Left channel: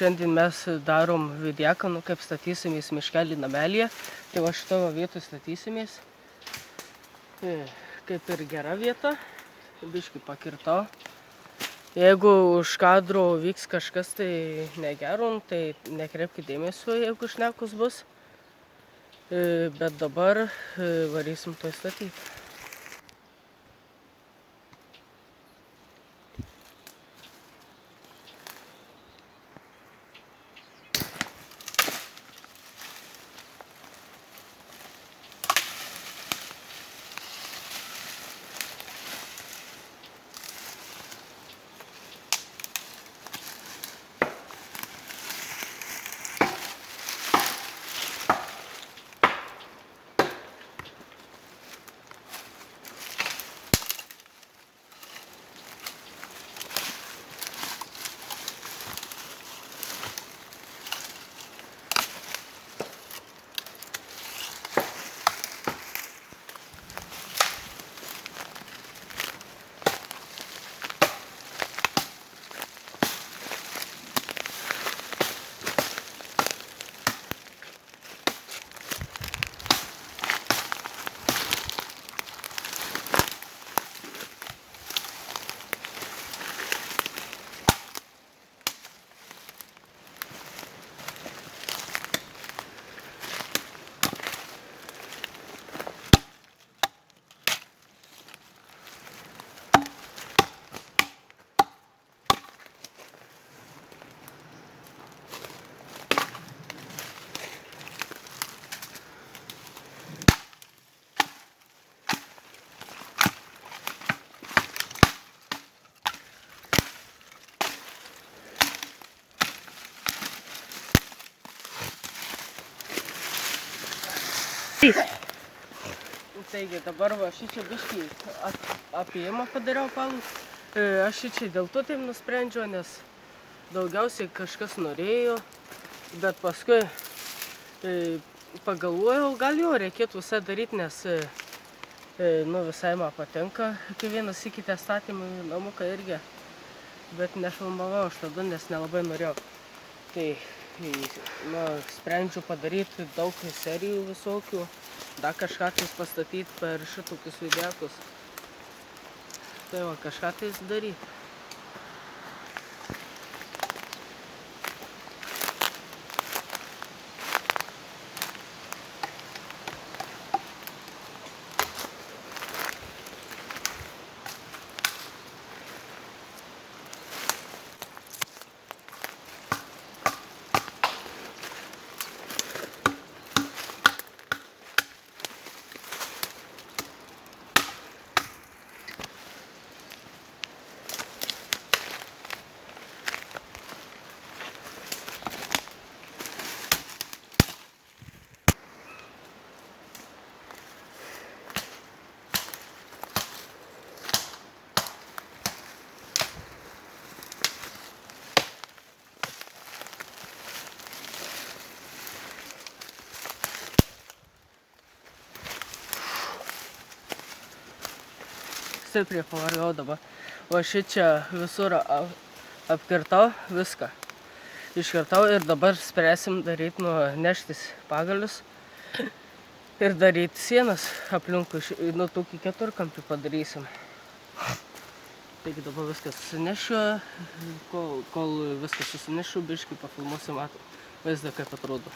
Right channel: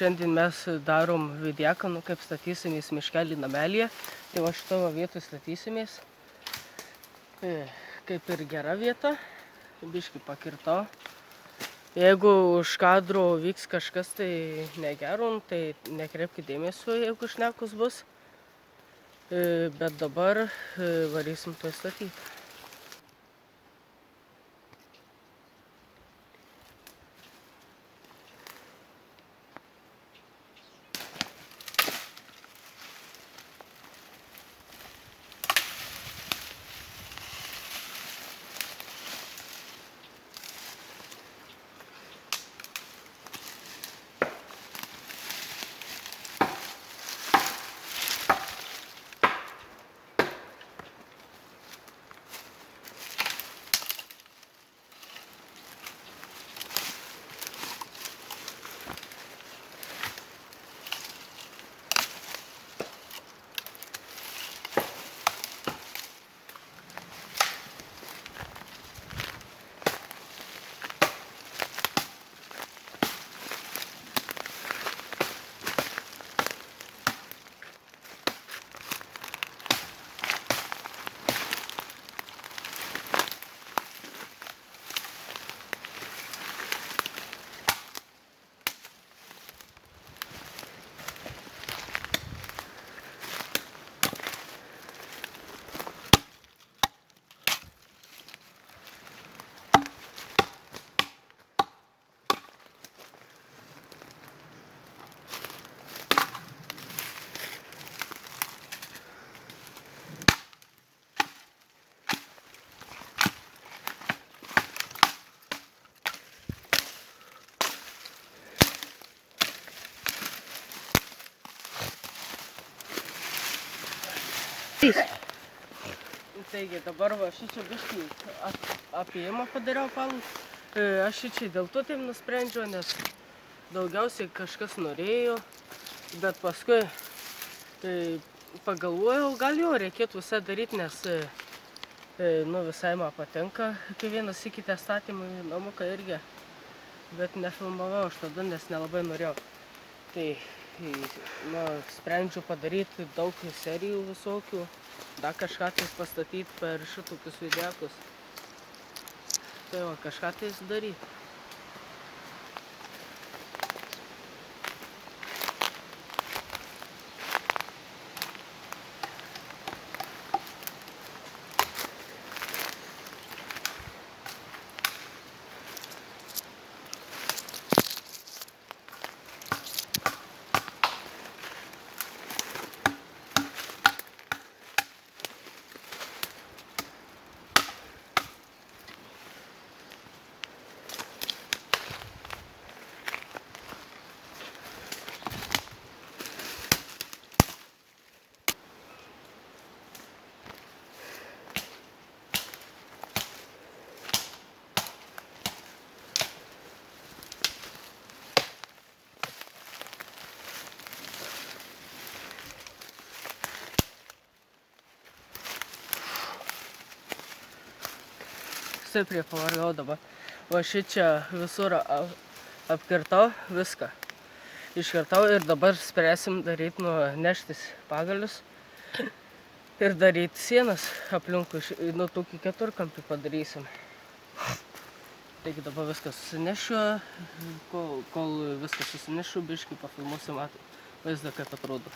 šiandien mes darom vidieką, kaip statysimės miškelį namelyje. Tai va šito vietą statysimės. Kaip ir gera vieta. Biškį pakirtau. Jeigu už kadro vyks kažkas tai negero, tai nekreipkite dėmesio, jeigu šnekos bus. Bet dabar varysim to statyti. Taigi dabar va šičia biškį apėjimą padariau palų. Aš šičia dėl to taip nusprendžiau, nes daugiausiai kažkas norėjo, bet paskui pagalvojau, gal jo reikėtų visai daryti, nes visai man patinka kiekvienas įkite statymą į namuką irgi, bet nefilmavau aš tada, nes nelabai norėjau. Tai sprendžiu padaryti daug serijų visokių, dar kažką tais pastatyti per šitokius vidiekus. Tai va, kažką tais daryti. Stipriai pavargau dabar. O šičia visur apkirtau viską. Iškirtau ir dabar spręsim daryti, neštis pagalius ir daryti sienas aplinkui, tokį keturkampį padarysim. Taigi dabar viską susinešiu, kol viską susinešiu, biškį pafilmuosim vaizdą, kaip atrodo.